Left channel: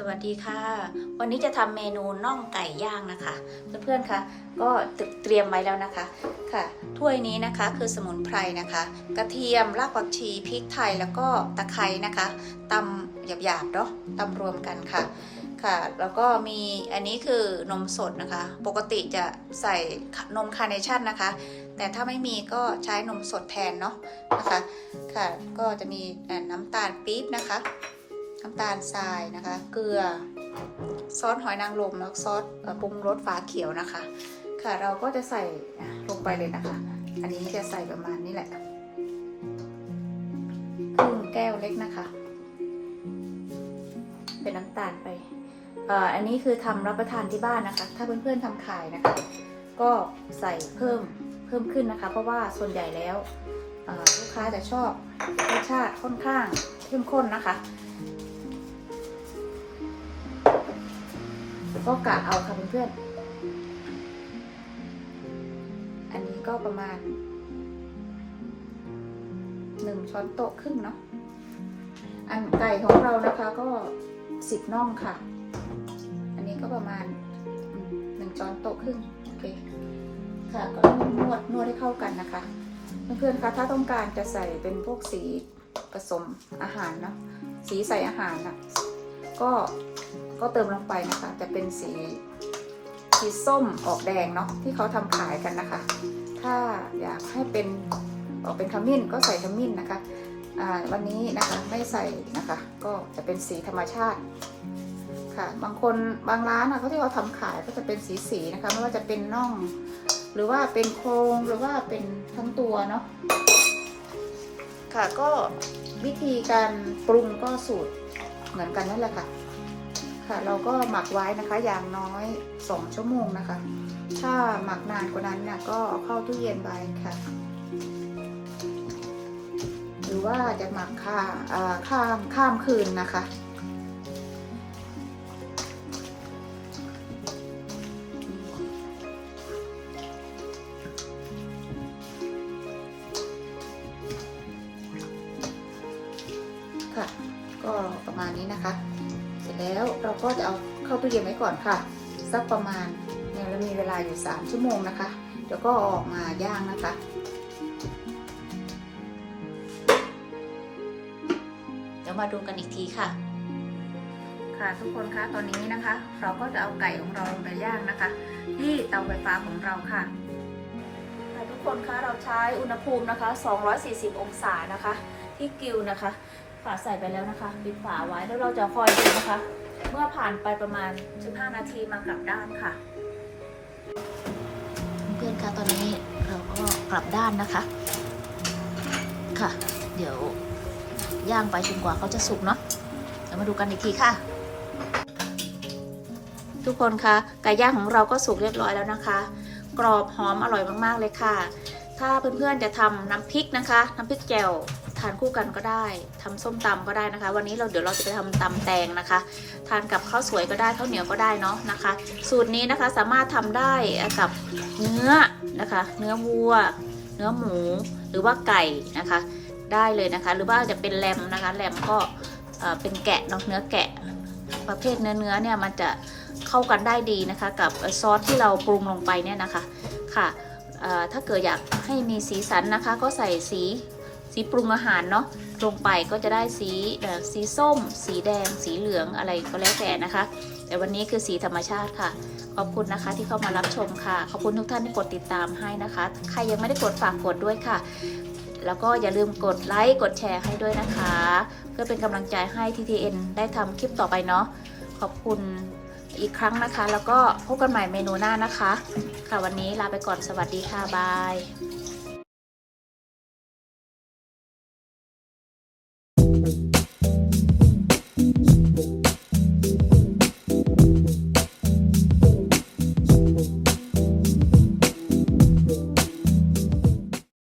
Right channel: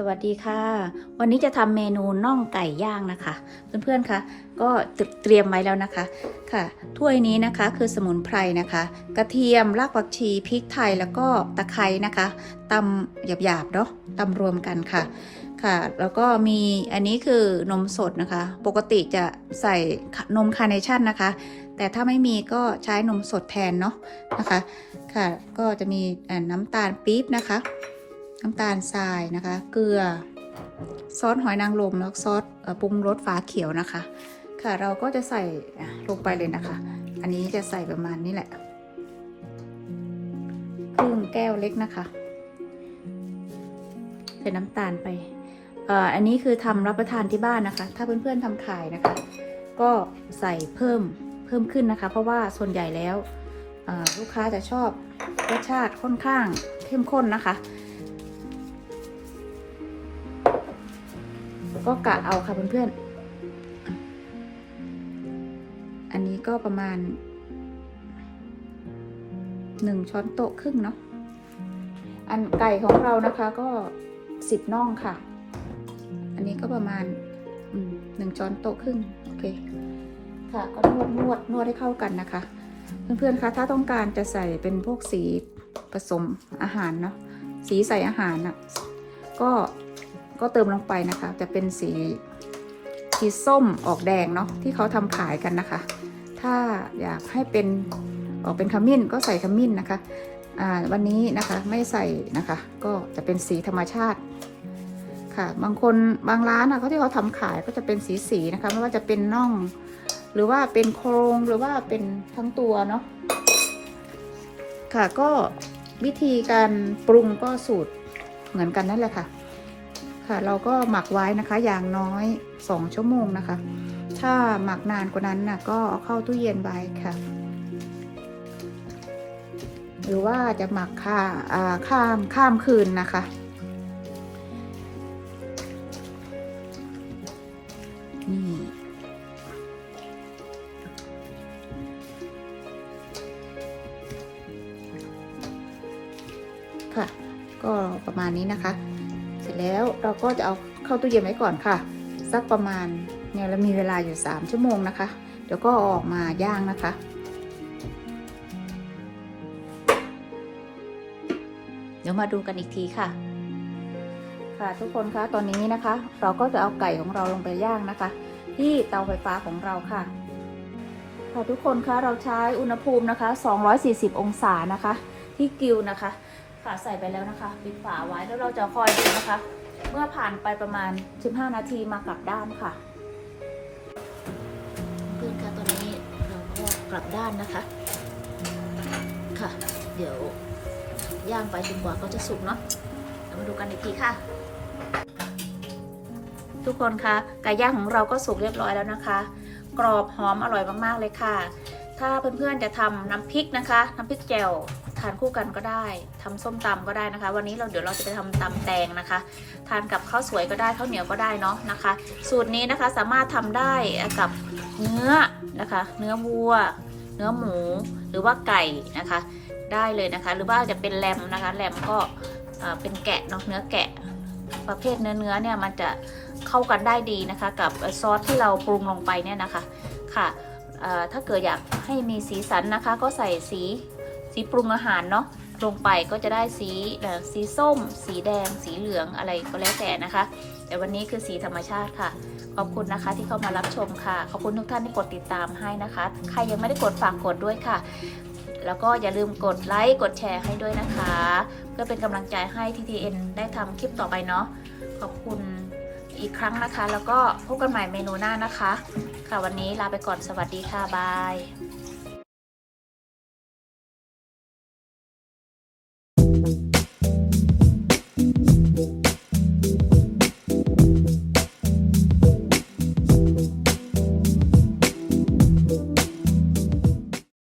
สวัสดีค่ะ วันนี้จะทำเมนูน่องไก่ย่างนะคะ เพื่อนๆคะก็เตรียมไว้แล้วนะคะค่ะ ถ้วยนี้นะคะคือสมุนไพรนะคะ กระเทียมรากผักชีพริกไทยแล้วก็ตะไคร้นะคะตำหยาบๆเนาะตำรวมกันค่ะค่ะ แล้วก็มีอันนี้คือนมสดนะคะ ปกติจะใส่นมคาร์เนชั่นนะคะ แต่ถ้าไม่มีก็ใช้นมสดแทนเนาะนะคะ ค่ะ ก็จะมีน้ำตาลปี๊บนะคะ น้ำตาลทรายนะคะ เกลือ ซอสหอยนางรมแล้วซอสปรุงรสฟ้าเขียวนะคะ ค่ะเราก็จะใส่ลงไปเลยนะคะ อันนี้จะใส่ประมาณนี้แหละครึ่งแก้วเล็กนะคะ เป็นน้ำตาลไปอันนี้คือทำรับประทานที่บ้านนะคะ ถ้าเพื่อนๆทำขายนะคะ ก็ใส่เพิ่มเพิ่มขึ้นนะคะ เพราะว่าส่วนใหญ่แล้วลูกค้าจะชอบรสชาติค่อนข้างเข้มข้นนะคะ ก็กะเอาค่ะเพื่อนๆ อันนี้ก็ประมาณหนึ่งช้อนโต๊ะครึ่งเนาะ อันไก่ของเรานะคะก็สิบน่องค่ะ อันนี้ก็ประมาณหนึ่งช้อนโต๊ะครึ่งโอเค ค่ะก็นวดนวดนวดให้เข้ากันนะคะ เพื่อนๆคะถ้าต้องการจะใส่เป็นพวกสีผสมอาหารเนาะสีใส่อาหารน่ะก็ ก็เติมลงไปนะคะ จะเป็นสีสีส้มออกแดงเนาะที่เขาทำขายกันนะคะ ถ้าอยากให้เป็นออกเป็นขมิ้นก็ใส่ขมิ้นนะคะอ่าวันนี้นะคะไม่ใส่นะคะ ก็จะเป็นสีธรรมชาติค่ะ บางคนบางร้านนะเขาที่เขาทำขายก็จะเป็นสีสีๆนะคะไม่ว่าจะเป็นน่อง หรือว่าเป็นโครงหรือว่าเป็นทั้งตัวเนาะค่ะก็วิธีการปรุงก็สูตรเหมือนกันนั่นแหละค่ะ ค่ะ เราก็หมักไว้นะคะอย่างน้อย 2 ชั่วโมงนะคะ ถ้าหมักนานกว่านั้นนะก็เข้าตู้เย็นไว้ค่ะ หรือว่าจะหมักค่าอ่าข้ามข้ามคืนนะคะค่ะก็ประมาณนี้นะคะ ร็จแล้วเราก็จะเอาเข้าตู้เย็นไว้ก่อนค่ะ สักประมาณเนี่ยเรามีเวลาอยู่ 3 ชั่วโมงนะคะ เดี๋ยวก็เอออกมาย่างนะคะเดี๋ยวมาดูกันอีกทีค่ะ ค่ะทุกคนคะตอนนี้นะคะ เราก็จะเอาไก่ของเราลงไปย่างนะคะ ที่เตาไฟฟ้าของเราค่ะค่ะทุกคนคะเราใช้อุณหภูมินะคะ 240 องศานะคะ ที่กิวนะคะ ค่ะใส่ไปแล้วนะคะ ปิดฝาไว้แล้วเราจะคอยดูนะคะ เมื่อผ่านไปประมาณ 15 นาทีมากลับด้านค่ะ เพื่อนคะตอนนี้เราก็กลับด้านนะคะ ค่ะ เดี๋ยวย่างไปจนกว่าเขาจะสุกเนาะเดี๋ยวมาดูกันอีกทีค่ะ ทุกคนคะไก่ย่างของเราก็สุกเรียบร้อยแล้วนะคะ กรอบหอมอร่อยมากๆเลยค่ะ ถ้าเพื่อนๆจะทำน้ำพริกนะคะ น้ำพริกแจ่ว ทานคู่กันก็ได้ทำส้มตำก็ได้นะคะ วันนี้เราเดี๋ยวเราจะไปทำตำแตงนะคะ ทานกับข้าวสวยก็ได้ข้าวเหนียวก็ได้เนาะนะคะ สูตรนี้นะคะสามารถทำได้กับเนื้อนะคะ เนื้อวัว เนื้อหมู หรือว่าไก่นะคะ ได้เลยนะคะ หรือว่าจะเป็นแรมนะคะแรมก็เป็นแกะเนาะเนื้อแกะประเภทเนื้อเนื้อเนี่ยมันจะเข้ากันได้ดีนะคะ กับซอสที่เราปรุงลงไปเนี่ยนะคะค่ะถ้าเกิดอยากให้มีสีสันนะคะ ก็ใส่สี สีปรุงอาหารเนาะลงไปก็จะได้สีสีส้ม สีแดง สีเหลืองอะไรก็แล้วแต่นะคะ แต่วันนี้คือสีธรรมชาติค่ะ ขอบคุณนะคะที่เข้ามารับชมค่ะ ขอบคุณทุกท่านที่กดติดตามให้นะคะ ใครยังไม่ได้กดฝากกดด้วยค่ะ แล้วก็อย่าลืมกดไลค์กดแชร์ให้ด้วยนะคะ เพื่อเป็นกำลังใจให้ TTN ได้ทำคลิปต่อไปเนาะขอบคุณอีกครั้งนะคะ แล้วก็พบกันใหม่เมนูหน้านะคะ ค่ะวันนี้ลาไปก่อนสวัสดีค่ะบาย